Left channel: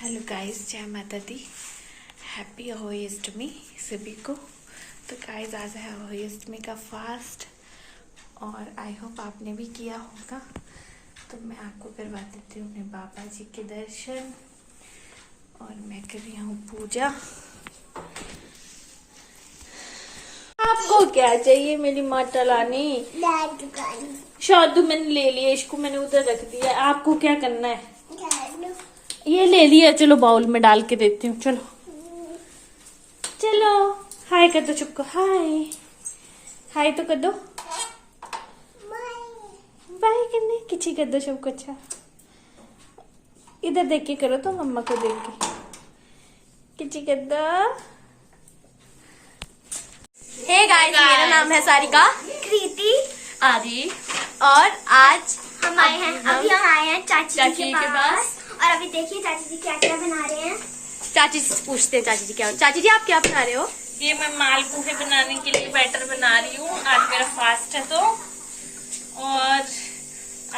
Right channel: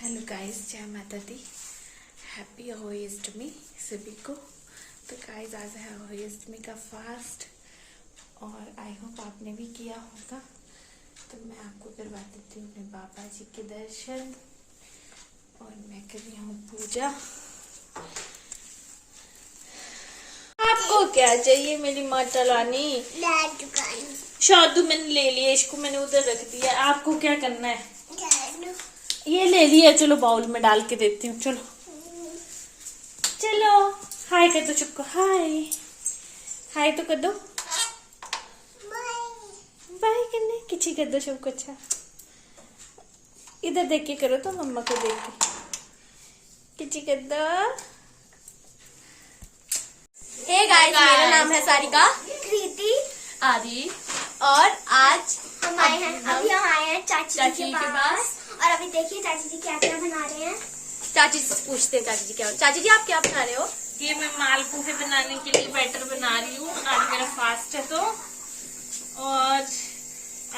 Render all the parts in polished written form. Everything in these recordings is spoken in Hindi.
हेलो गाइस, जय माता दी। हैप्पी अहोई अष्टमी सभी को। तो गाइस आज है अहोई अष्टमी का फास्ट और आई होप आपने भी किया होगा। तो मैं आपको करवा देती हूँ अपने बाबा जी के दर्शन और मैं कर रही हूँ पूजा। आपको क्या चाहिए मेरी माता रानी? शादू मैंने ले लिया, इसको मैंने उधर रख दिया। आपको क्या करना है? ये ले लिया, चलो बाउल में डाल के देती हूँ। चलो चलो हाय कर दो, चुपको हाय हाय तो कर दो, बाय करने किसी कर दो सबको। अच्छा इधर देख के करो तो मम्मा को देख के किसी कर दो। हे गाइस, मेरा नाम है सारिका, कृति, आदि और आज हम आए हैं चाची जी के पास। और अभी देखिए चाची जी क्या क्या बना रहे हैं। चाची जी पूछते हैं चाची जी क्या। चाची जी आप क्या बना रहे हो? ये मैं मालपुए बनाने के लिए बैटर बना रही हूँ। आज मेरा फास्ट है तो। और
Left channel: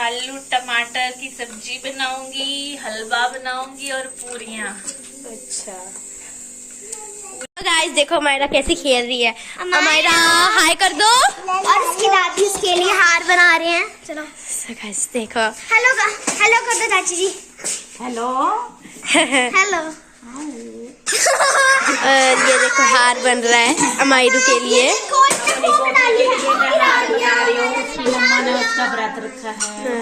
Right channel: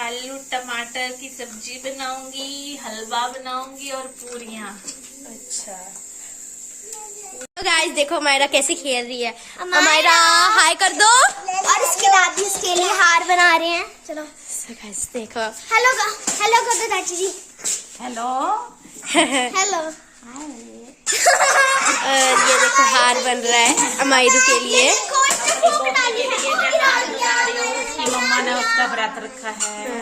आलू टमाटर की सब्जी बनाऊंगी, हलवा बनाऊंगी और पूरियाँ। अच्छा तो गाइस देखो हमारा कैसे खेल रही है। हमारा हाय कर दो। और इसके दादी उसके लिए हार बना रहे हैं। चलो गाइस देखो, हेलो कर दो चाची जी। Hello hello. और ये देखो हार बन रहा है अमायरू के लिए। मम्मा ने उसका व्रत रखा है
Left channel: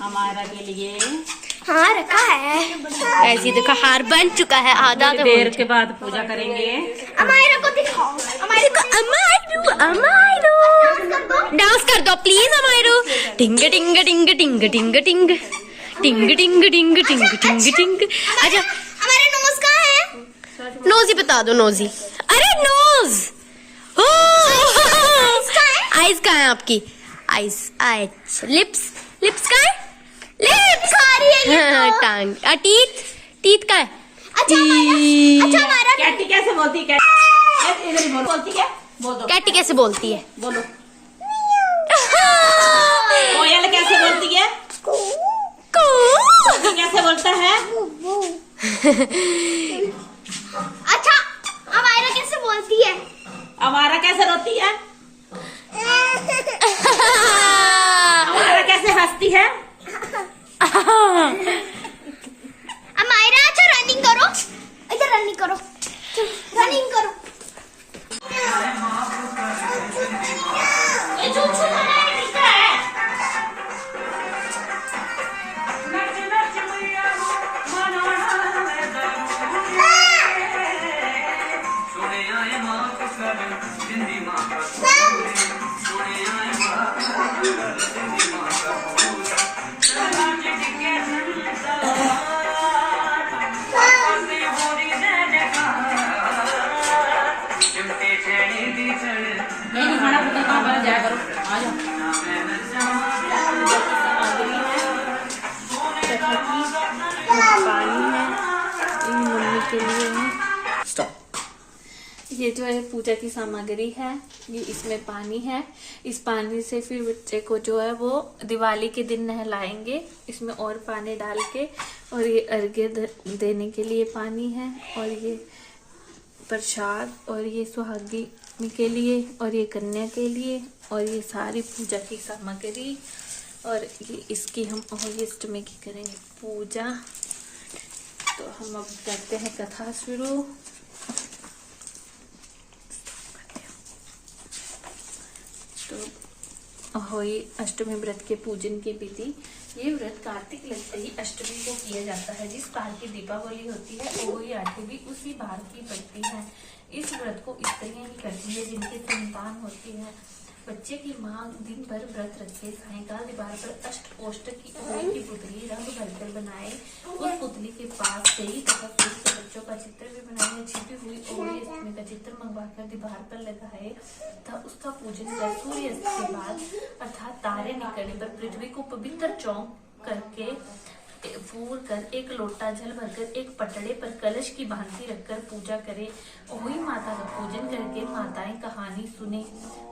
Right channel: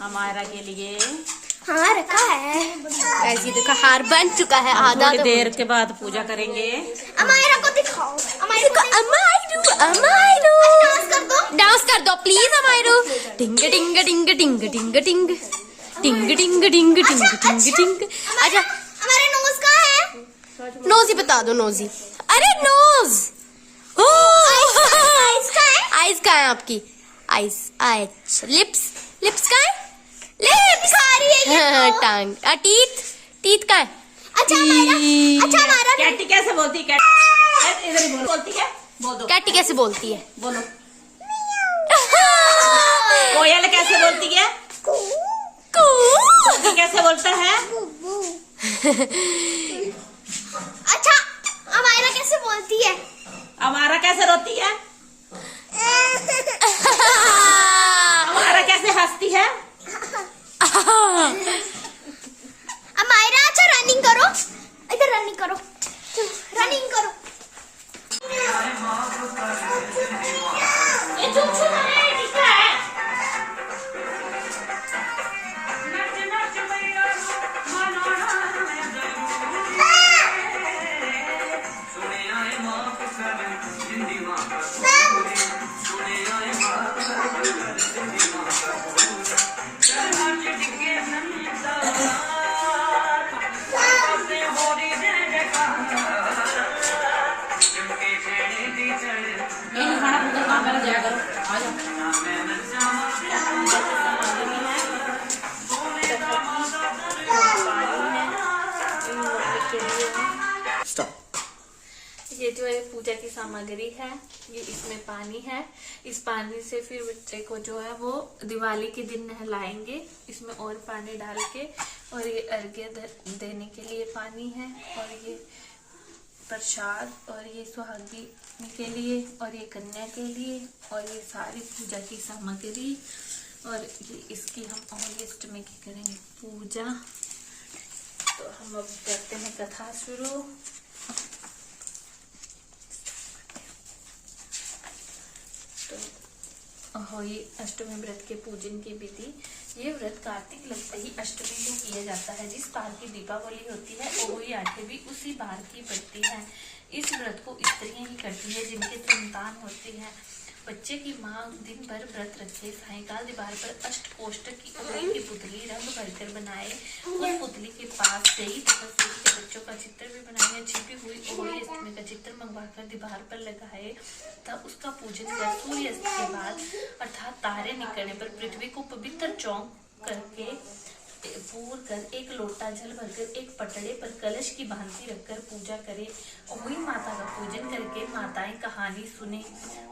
हमारा के लिए। हाँ रखा है। ऐसे देखो हार बन चुका है आधा। तो देर के बाद पूजा करेंगे। अमायरा को दिखाओ। अमायरू डांस कर दो प्लीज अमायरू। टिंग टिंग टिंग टिंग टिंग टिंग टिंग टिंग टिंग टिंग टिंग टिंग। अच्छा हमारा नोज कहाँ है? नोजी बता दो। नोजी, अरे नोज। आइज कहाँ है आपकी? आइज अच्छा। लिप्स कहाँ है? लिप्स टांग। टीथ कहाँ है? कैटी कैसे बोलती है? इधर ही बोलती है। बोल दो। कैटी कैसे बोलती है? बोलो। कोयल कैसे बोलती है? कैसे बोलता है? अच्छा अमायरा कैसे बोलती है? अमारा कैसे रोती है? अमारा कैसे हंसती है? अमायरा अच्छा रनिंग करो, इधर रनिंग करो, रनिंग करो। ये चुप चुप है, कितना है? ये जो है पूजा की सामग्री है, ये इसमें पानी है। इस पानी से फिर बच्चे को जो है वो दिवाली के दिन नहलाएंगे इसमें और पानी डाल के। और ये अर्घ्य देने के लिए पानी है, और ये प्रसाद, और ये सुहागी के लिए, और ये कन्या के लिए, और ये सारी पूजा की सामग्री। और ये इसकी हम अहोई अष्टमी की करेंगे पूजा। तो हम अब करते हैं कथा शुरू। तो अहोई अष्टमी व्रत के पूजन की विधि। ये व्रत कार्तिक लगते ही अष्टमी को किया जाता है। जिस बार की दीपावली होती है अहोई आठवीं भी उसी बार की पड़ती है। इस व्रत को स्त्रियां ही करती है जिनके संतान होती है। बच्चे की माँ दिन भर व्रत रखे, सायंकाल दीवार पर अष्टकोष्ठक की अहोई की पुतली रंग भरकर बनाए, उस पुतली के पास गई तथा सूर्य के बच्चों का चित्र भी बनाए, छिपी हुई अहोई अष्टमी का चित्र मंगवाकर दीवार पर लगाए तथा उसका पूजन कर सूर्यास्त के बाद अर्थात तारे निकलने पर पृथ्वी को पवित्र चौक करके फूर कर एक लोटा जल भरकर एक पटड़े पर कलश की भांति रखकर पूजा करें। अहोई माता का पूजन करके माताएं कहानी सुने।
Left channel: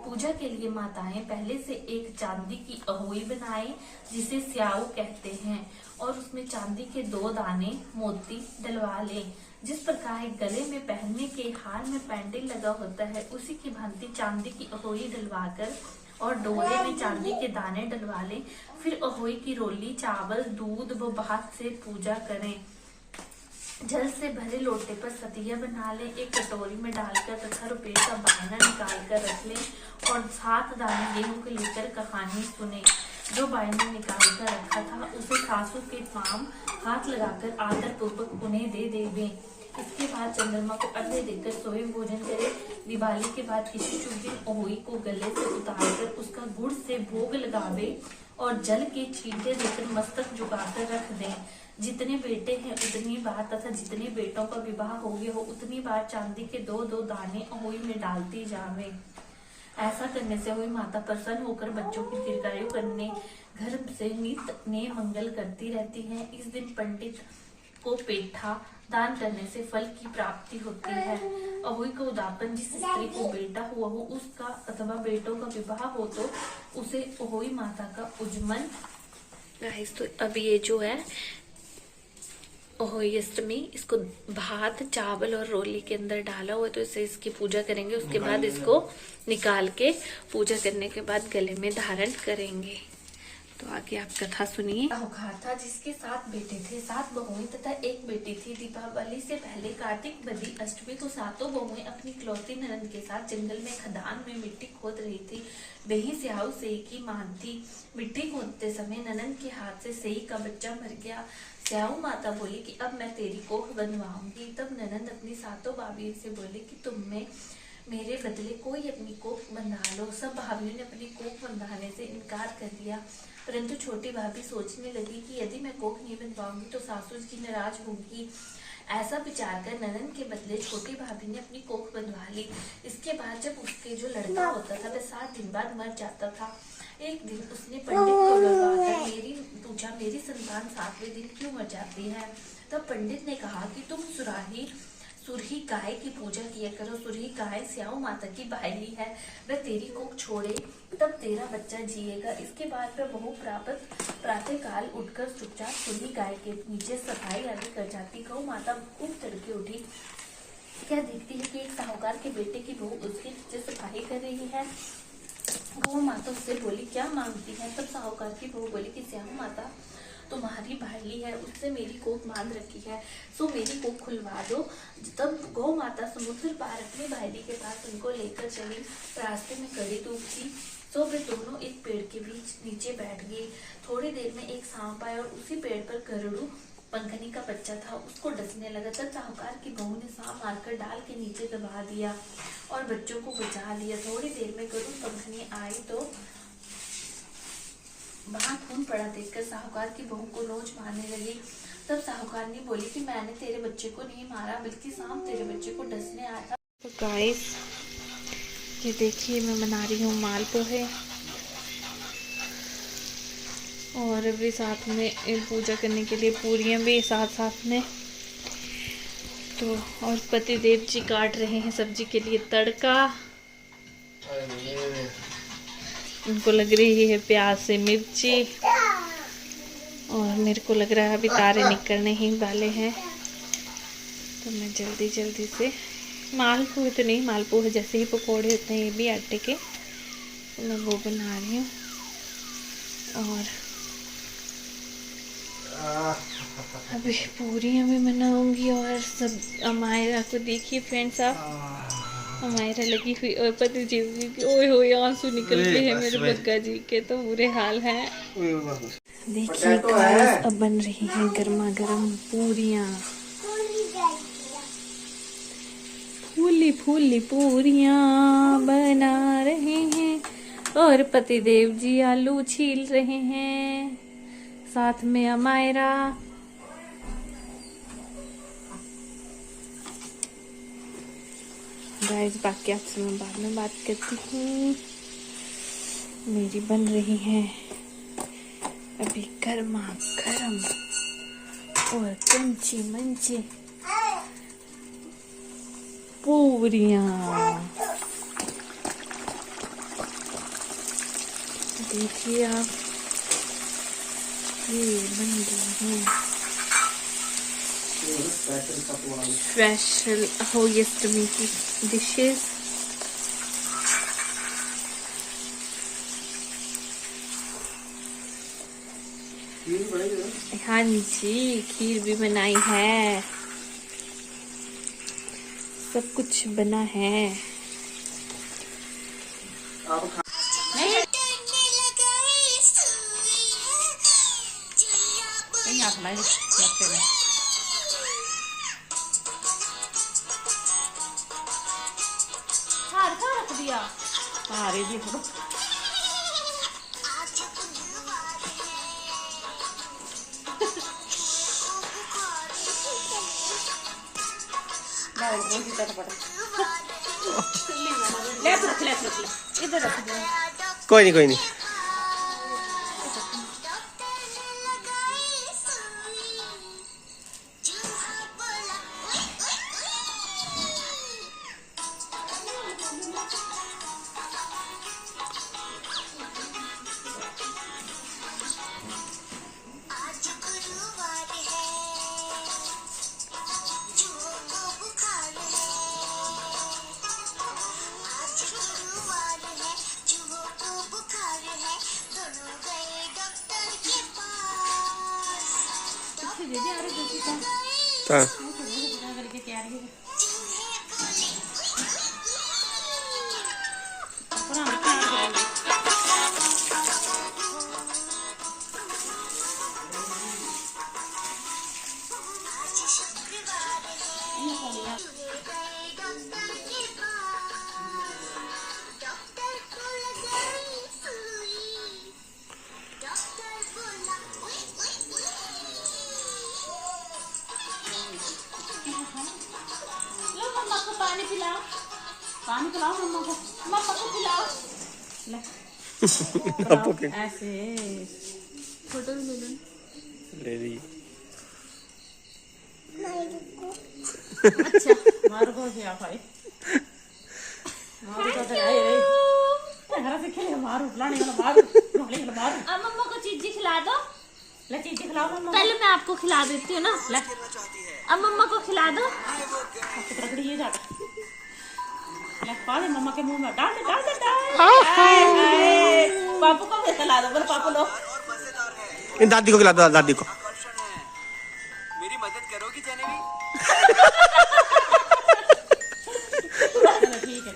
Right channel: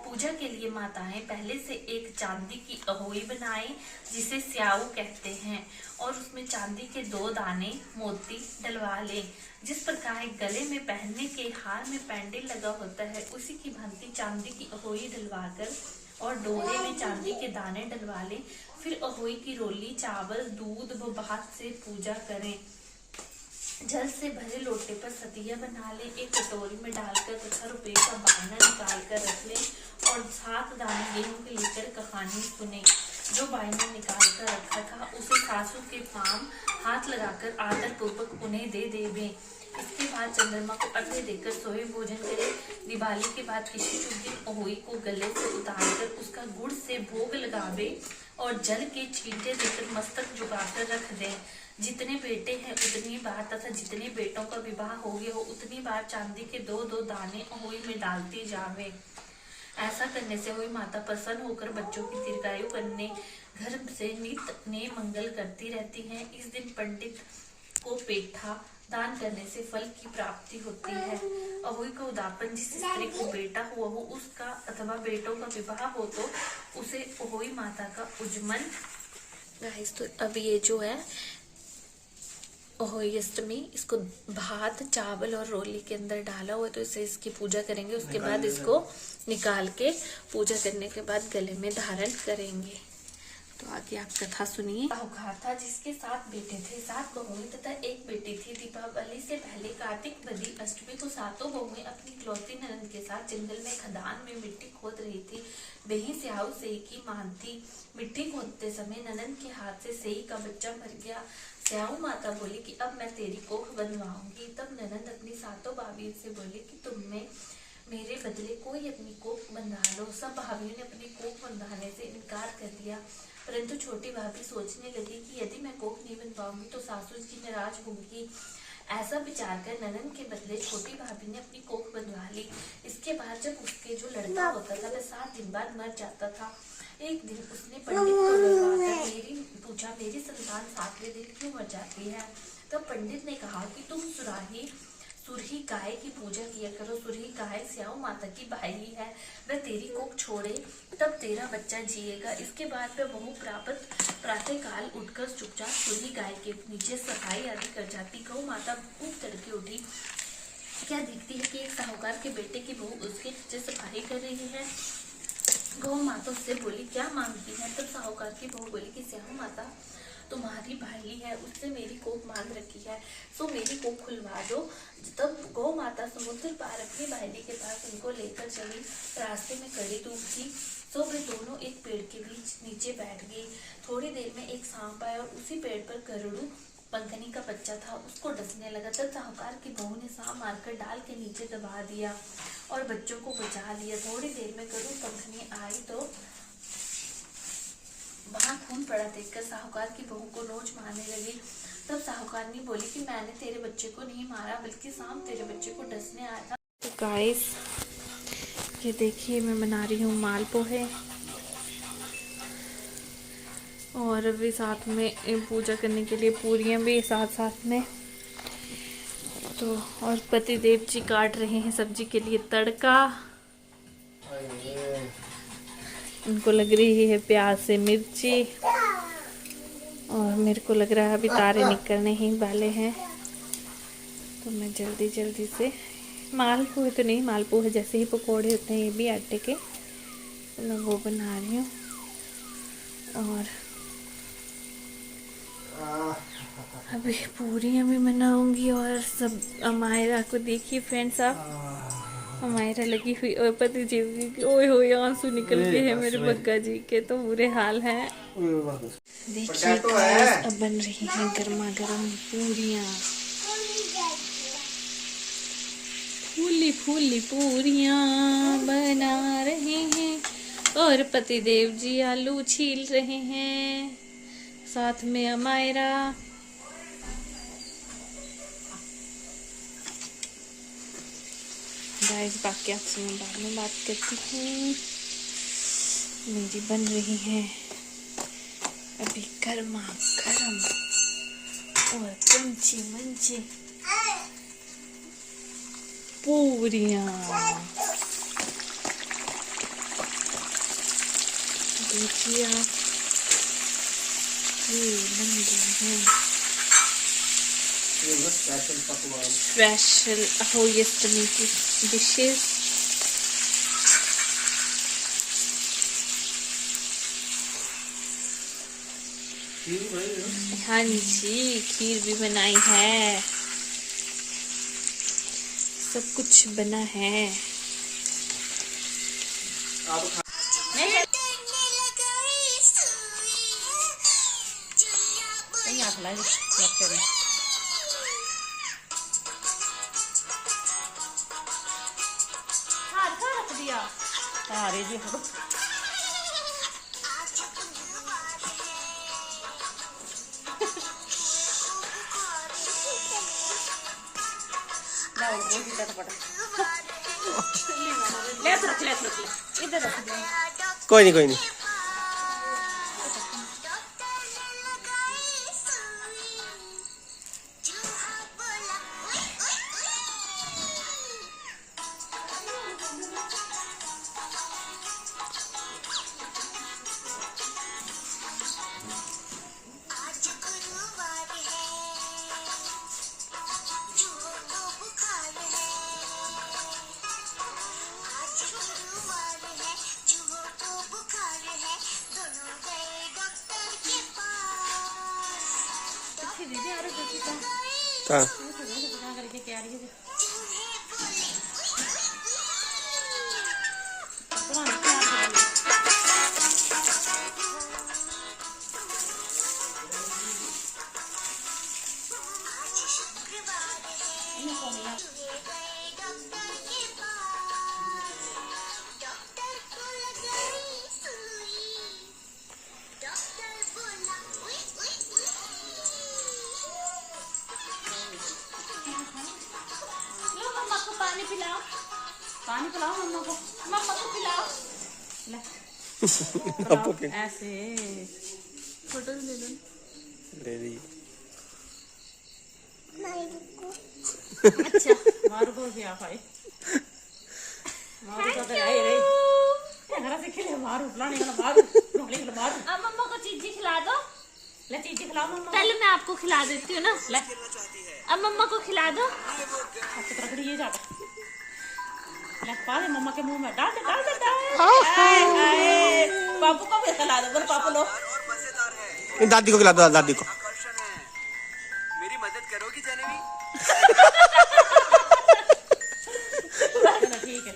पूजा के लिए माताएं पहले से एक चांदी की अहोई बनाएं जिसे स्याऊ कहते हैं और उसमें चांदी के 2 दाने मोती डलवा लें। जिस प्रकार गले में पहनने के हार में पेंडेल लगा होता है उसी की भांति चांदी की अहोई डलवाकर और डोले में चांदी के दाने डलवा लें। फिर अहोई की रोली चावल दूध व भात से पूजा करें। जल से भरे लोटे पर सतिया बना लें। एक कटोरी में डालकर तथा रुपये का बाना निकाल कर रख लें और 7 दाने गेहूं के लेकर कहानी सुने। जो बाई ने निकाल कर रखा था उसे सासू के पाम हाथ लगाकर आदर पूर्वक उन्हें दे देवें। इसके बाद चंद्रमा को अर्घ्य देकर सोए भोजन करें। दिवाली के बाद किसी शुभ दिन अहोई को गले से उतारकर उसका गुड़ से भोग लगावे और जल के छींटे देकर मस्तक झुकाकर रख दें। जितने बेटे हैं उतनी बार तथा जितने बेटों का विवाह हो गया हो उतनी बार चांदी के 2-2 दाने अहोई में डालती जावे। ऐसा करने से अहोई माता प्रसन्न होकर बच्चों की दीर्घायु करने घर से नित्य ने मंगल करती रहती है। इस दिन पंडित को पेठा दान करने से फल की प्राप्ति होती है। अहोई का उदापन जिस स्त्री को बेटा हुआ हो उसका अथवा बेटों का विवाह हो तो उसे अहोई माता का उज्जमन। गाइस तो अब ये जो है अहोई अष्टमी, इसको भात चावल और रोली के अंदर डाला हुआ तो इसे इसकी पूजा करेंगे। उसके बाद इसको निकाल के पूजा करने के बाद गले में धारण करेंगे। तो आगे आप कथा सुनिए। साहूकार था जिसके 7 बेटे थे, 7 बहुएं तथा 1 बेटी थी। दीपावली से पहले कार्तिक बदी अष्टमी को 7 बहुएं अपनी इकलौती ननद के साथ जंगल में खदान में मिट्टी खोद रही थी। वही स्याऊ सेई की मान थी। मिट्टी खोदते समय ननद के हाथ से सेई का बच्चा मर गया। स्याऊ माता बोली कि अब मैं तेरी कोख बनवाऊंगी। तब ननद अपनी 7 भाभियों से बोली कि तुम में मेरे बदले कोई अपनी कोख बंधा लो। सब भाभियों ने अपनी कोख बंधाने से इनकार कर दिया, परंतु छोटी भाभी सोचने लगी कि यदि मैं कोख नहीं बनवाऊंगी तो सासू जी नाराज होंगी। ऐसा विचार कर ननद के बदले छोटी भाभी ने अपनी कोख बनवा ली। इसके बाद जब उसके जो लड़का होता था वह 7 दिन बाद मर जाता था। एक दिन उसने पंडित को बुलवाकर पूछा मेरी संतान 7वें दिन क्यों मर जाती है। तब पंडित ने कहा कि तुम सुरही गाय की पूजा किया करो। सुरही गाय स्याऊ माता की भाई है, वह तेरी कोख छोड़े तब तेरा बच्चा जिएगा। इसके बाद वह बहु प्रातः काल उठकर चुपचाप सुरही गाय के नीचे सफाई आदि कर जाती। गौ माता खूब तड़के उठी, क्या देखती है कि एक साहूकार के बेटे की बहू उसके नीचे सफाई कर रही है। गौ माता उससे बोली क्या मांगती है। तब साहूकार की बहू बोली कि स्याऊ माता तुम्हारी भाई है, उससे मेरी कोख मांग रखी है, सो मेरी कोख खुलवा दो। तब गौ माता समुद्र पार अपने भाई के पास उनको लेकर चली। रास्ते में कड़ी धूप थी, तो वे दोनों एक पेड़ के बीच नीचे बैठ गए। थोड़ी देर में एक सांप आया और उसी पेड़ पर गरुड़ पंखनी का बच्चा था, उसको डसने लगा। तब साहूकार की बहू ने सांप मारकर डाल के नीचे दबा दिया और बच्चों को बचा लिया। थोड़ी देर में गरुड़ पंखनी आई तो वहां खून पड़ा देखकर साहूकार की बहू को नोच मारने लगी। तब साहूकार ने बोली कि मैंने तेरे बच्चे को नहीं मारा, बल्कि सांप तेरे बच्चे को डसने आया था। तो गाइस ये देखिए मैं बना रही हूँ मालपोहे और अभी साथ में पूजा करने के लिए पूरियां भी साथ में। तो और पतिदेव जी काट रहे हैं सब्जी के लिए तड़का। उनको लग रही है प्याज से मिर्ची और मेरे को लग रहा है अभी तारे निकलने ही वाले हैं। तो मैं जल्दी से मालपुए तो नहीं, मालपुए जैसे ही पकोड़े होते हैं ये भी आटे के, तो मैं वो बना रही हूँ। और अभी पूरियाँ भी बनाऊंगी और सब। अमायरा को देखिए फ्रेंड्स आप, हमारा लगी हुई और पति जी की ओए होए आंसू निकल गए हैं मेरे बग्गा जी के, तो बुरे हाल हैं। देखिए गाइस अब बन रही हैं गर्मा गर्म पूरियां, फूली पूरियां बना रहे हैं और पति देव जी आलू छील रहे हैं, साथ में अमायरा। गाइस बाकी आपसे मैं बाद में बात करती हूँ। मेरी बन रही है अभी गर्मा गर्म और क्रंची मंची पूरियां। देखिए आप, ये बन गई हैं स्पेशल होली अष्टमी की डिशेस। हाँ जी, खीर भी बनाई है, सब कुछ बना है। रख दिया कोई नहीं कोई नहीं। हाँ पानी पिलाओ मम्मा को पिलाओ। ऐसे फोटो भी ले लो, ले ली। अच्छा मारो को क्या भाई, मारो तो तेरे रे घर से खेले, मारो लाने वाला मारो। अब मम्मा को चीज खिला दो, ले चीज खिलाओ मम्मा। पहले मैं आपको खिला देती हूँ ना, अब मम्मा को खिला दो। ये जाता पानी मम्मा के मुंह में डाल दे पापू को भी खिला दो, बोलो पापू लो। इन दादी को खिला दो, दादी को। मेरी मदद करोगी जनेवी? ठीक है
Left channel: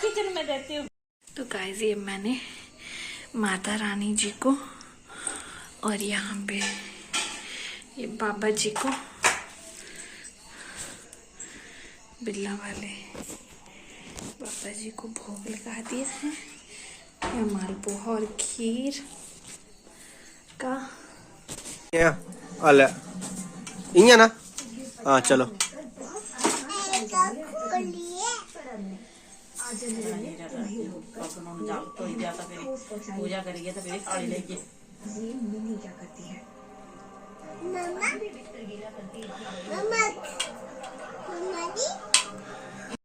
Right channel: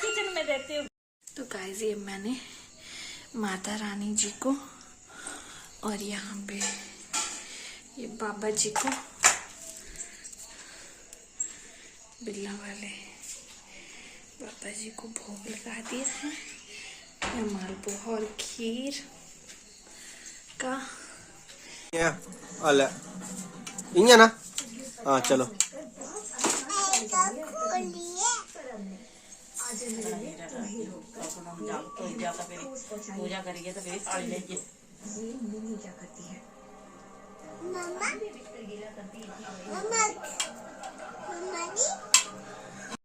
किचन में देती हूँ। तो गाइस ये मैंने माता रानी जी को और यहाँ पे ये बाबा जी को, बिल्ला वाले बाबा जी को भोग लगा दिया है। यह मालपुआ और खीर का इया ना। हाँ चलो पूजा करिए तो फिर साड़ी लेके क्या करती है मम्मा